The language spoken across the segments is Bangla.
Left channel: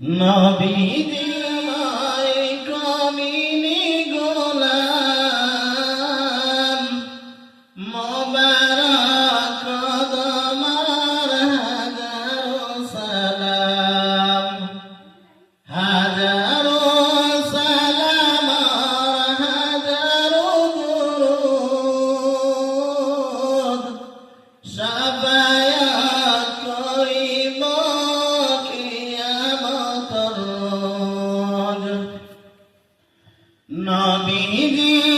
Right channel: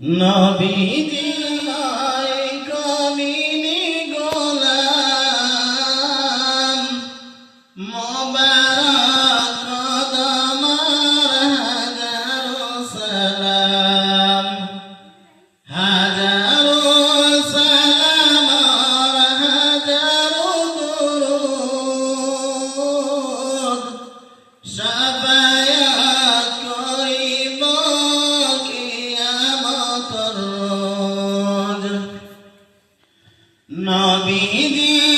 নবীজি নবীজি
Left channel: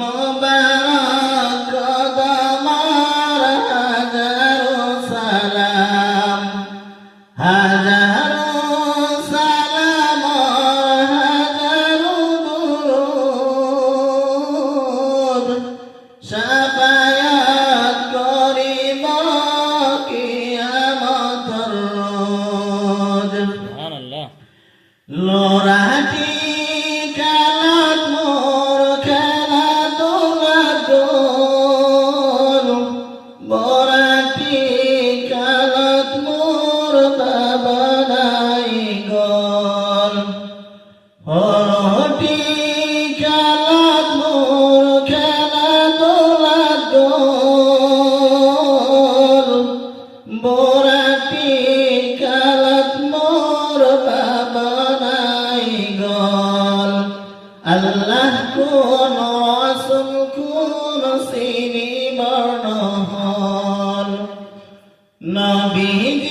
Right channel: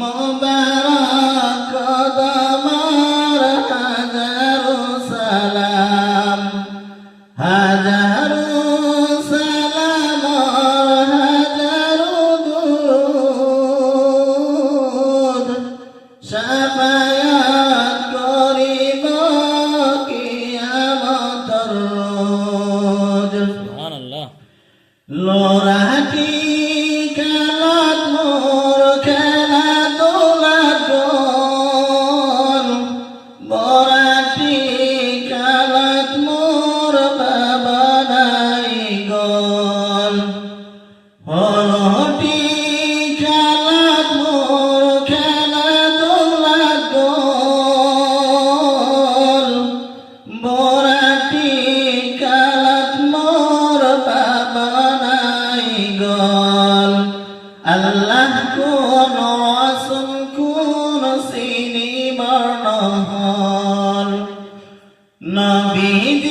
মোবারক গমার হাজারো সালাম হাজারো সালাম হাজারো দুরুদ শাফায়াত করিব কিয়ামতর রোজ। সুবহানাল্লাহ। লোরাটি আল্লাহ কোন রাসুল কোন সিনি বর্ণ নবী